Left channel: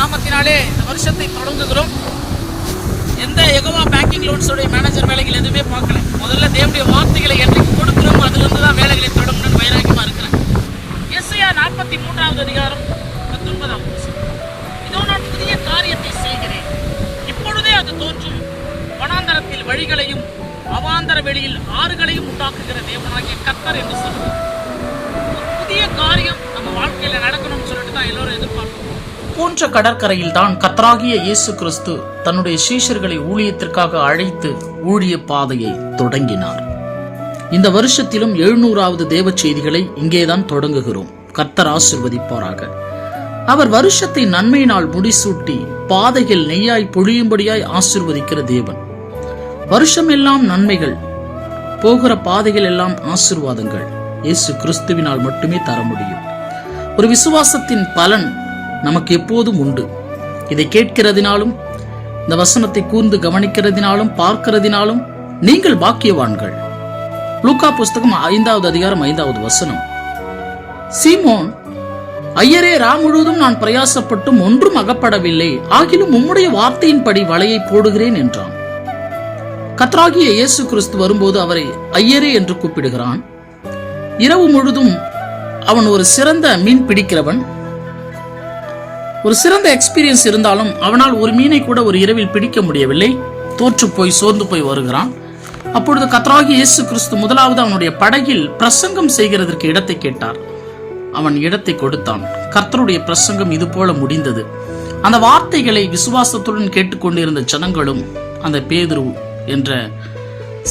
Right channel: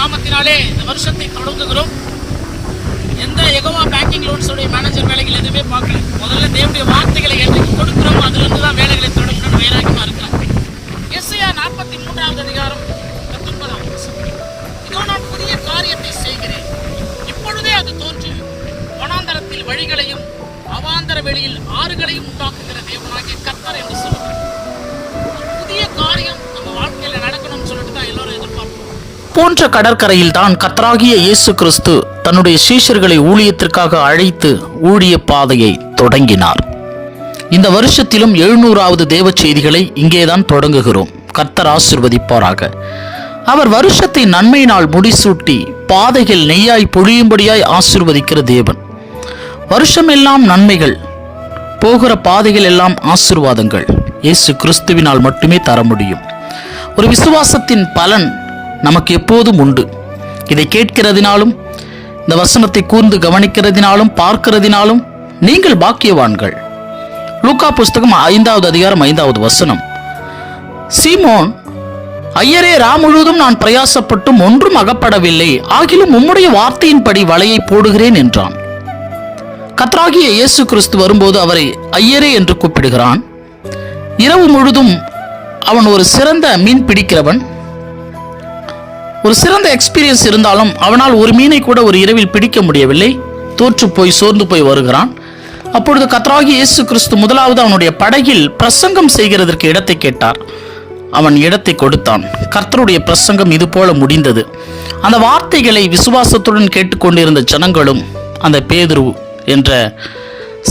நாமத்தினாலே இந்த வருஷத்தை தொடங்குகிறோம். எந்த எகமா பேங்கிங் லோன்ஸோடைய மேனேஜர் வேலைகள் எதுவுமே பார்க்கல. முதல்ல தேவனுடைய வார்த்தைகளை என்றைக்கு கொடுக்குறோமோ. அதுலேருந்து தான் வேலைகளை தொடங்கணும்னு வைராக்கியமாக இருக்கிறேன் எஸ்ஐயா நாற்பத்தி மூன்றாவது அதிகாரம் பத்தொன்பதாம் இதோ நான் புதிய காரியத்தை செய்கிறேன். இப்பொழுதே அது தோன்றும். வனாந்தரத்தில் வழிகளையும் அவாந்தர வெளியில் ஆறுகளையும் உண்டாக்குகிற தேவனாகிய கர்த்தர் என்று சொல்கிறார் புதிய காரியம் நம்ம வாழ்க்கையில் நடக்கணும்னு சொல்லிட்டு தான் எல்லோரும் எதிர்பார்ப்போம். போன்ற கடற்கரையில் தான் இயேசு கிறிஸ்து தன்னுடைய சீஷர்களை ஊழியத்திற்காக அழைத்து ஊழிய பாதையை தொடங்கினார். இந்த வருஷத்திலும் எழுநூறாவது தேவ செய்திகளை இங்கேதான் தொடங்குகிறோம். கர்த்தர் ஆசிர்வதிப்பாராக. அவர் வருஷத்தை நன்மையினால் முடிசூட்டி பாதைகள் நெய்யாய் பொழியும்படியாய் ஆசிர்வதிக்கிற தேவன். வருஷமெல்லாம் நன்மைகள் போகிற பாதைகள் எல்லாம் ஆசிர்வாதங்கள். இயேசு கிறிஸ்துவினால் மட்டுமே தர முடியும். ஒரு விசுவாசத்தின் பலன் நமக்கு எப்போதும் உண்டு. இதை கேட்கிறதினாலும் இந்த வசனத்தை கூர்ந்து கவனிக்கிறதினாலும் பார்க்கிறதினாலும் நீங்கள் பாக்கியவான்கள். லூக்கா புஸ்தகம் ஐந்தாவது அதிகாரம் ஐந்தாவது வசனம். சீமோன் ஐயரே ரா முழுவதும் நான் பிரயாசப்பட்டும் ஒன்றும் அகப்படவில்லை. ஆகிலும் உம்முடைய வார்த்தையின்படி வலையை போடுகிறேன் என்றான். கத்ராகிய இயேசு கிறிஸ்து வரும்போது அவரை ஐயரே என்று கூப்பிடுகிறான். இரவு முழுதும் அவன் ஒரு சிறந்த மீன் பிடிக்கிறவன். ஒரு சிறந்த எக்ஸ்பீரியன்ஸ் இருந்தாலும் அவனால் ஒரு மீனை கூட ஒரு இரவில் பிடிக்க முடியவில்லை. தோற்று போய் சோர்ந்து போய் வருகிறான். அப்பொழுது கத்ராகி இயேசு கிறிஸ்து முதலாவது அவனுடைய படகில் பிரசங்கம் செய்கிறதற்கு இடத்தை கேட்டார். அவன் இடத்தை கொடுத்தான். கர்த்தருடைய பிரசங்கம் இது போல முடிந்தது. அந்த வார்த்தைகளை விசுவாசத்துடன் கேட்டுக்கொண்டிருந்த ஜனங்களும் அந்த பேதுரு என்ற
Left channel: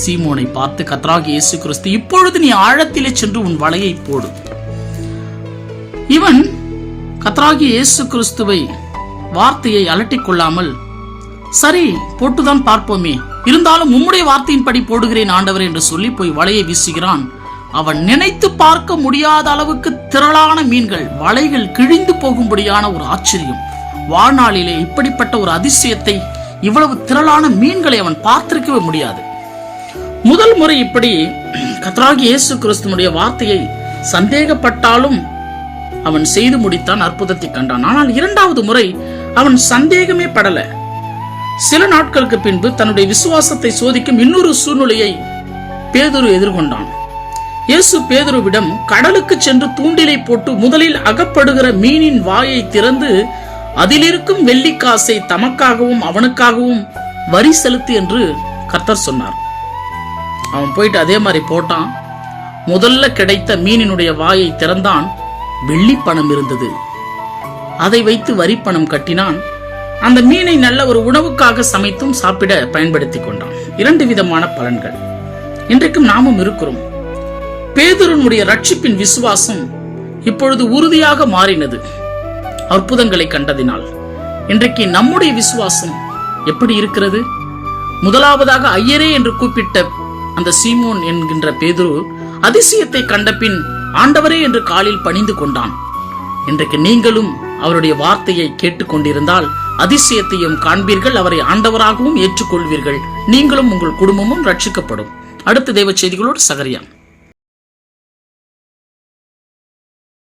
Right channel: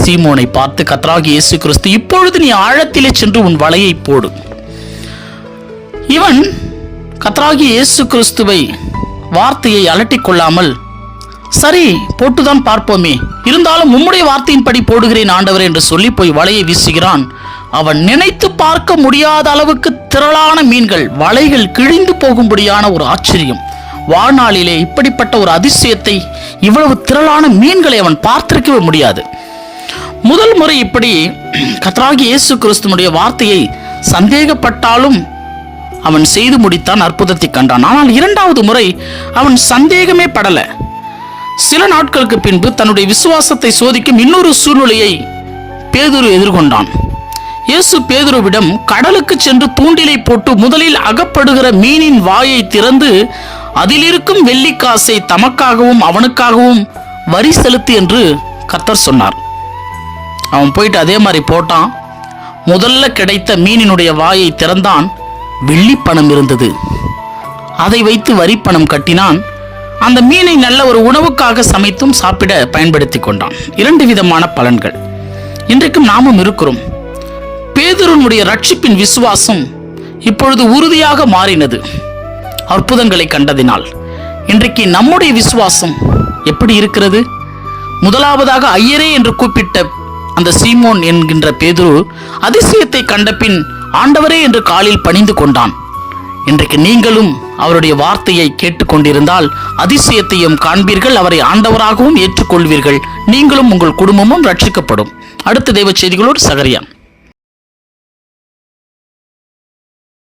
சீமோனை பார்த்து கத்ராகி இயேசு கிறிஸ்து இப்பொழுது நீ ஆழத்திலே சென்று உன் வலையை போடு. இவன் கத்ராகி இயேசு கிறிஸ்துவை வார்த்தையை அலட்டிக் கொள்ளாமல் சரி போட்டுதான் பார்ப்போமே. இருந்தாலும் உம்முடைய வார்த்தையின்படி போடுகிறேன் ஆண்டவர் என்று சொல்லி போய் வலையை வீசுகிறான். அவன் நினைத்து பார்க்க முடியாத அளவுக்கு திரளான மீன்கள் வலைகள் கிழிந்து போகும்படியான ஒரு ஆச்சரியம். வாழ்நாளிலே இப்படிப்பட்ட ஒரு அதிசயத்தை இவ்வளவு திரளான மீன்களை அவன் பார்த்திருக்கவே முடியாது. முதல் முறை இப்படி கத்ராகி இயேசு கிறிஸ்துவனுடைய வார்த்தையை சந்தேகப்பட்டாலும் அவன் செய்து முடித்தான் அற்புதத்தை கண்டான். ஆனால் இரண்டாவது முறை அவன் சந்தேகமே படல. சில நாட்களுக்கு பின்பு தன்னுடைய விசுவாசத்தை சோதிக்கும் இன்னொரு சூழ்நிலையை பேதுரு எதிர்கொண்டான். இயேசு பேதுருவிடம் கடலுக்கு சென்று தூண்டிலை போட்டு முதலில் அகப்படுகிற மீனின் வாயை திறந்து அதிலிருக்கும் வெள்ளிக்காசை தமக்காகவும் அவனுக்காகவும் வரி செலுத்து என்று கர்த்தர் சொன்னார். அவன் போயிட்டு அதே மாதிரி போட்டான். முதல்ல கிடைத்த மீனினுடைய வாயை திறந்தான். வெள்ளி பணம் இருந்தது. அதை வைத்து வரி பணம் கட்டினான். அந்த மீனை நல்ல ஒரு உணவுக்காக சமைத்தும் சாப்பிட பயன்படுத்தி கொண்டான். இரண்டு விதமான பலன்கள். இன்றைக்கும் நாமும் இருக்கிறோம். பேதுருனுடைய ரட்சிப்பின் விசுவாசம் இப்பொழுது உறுதியாக மாறினது. அற்புதங்களை கண்டதினால். இன்றைக்கு நம்முடைய விசுவாசம் எப்படி இருக்கிறது? முதலாவதாக ஐயரே என்று கூப்பிட்ட அந்த சீமோன் என்கின்ற பேதுரு அதிசயத்தை கண்டபின் ஆண்டவரே என்று காலில் பணிந்து கொண்டான். இன்றைக்கு நீங்களும் அவருடைய வார்த்தையை கேட்டுக்கொண்டிருந்தால் அதிசயத்தையும் காண்பீர்கள் அவரை ஆண்டவராகவும் ஏற்றுக்கொள்வீர்கள். நீங்களும் உங்கள் குடும்பமும் ரட்சிக்கப்படும். அடுத்த தெய்வ செய்திகளோடு சகரியான்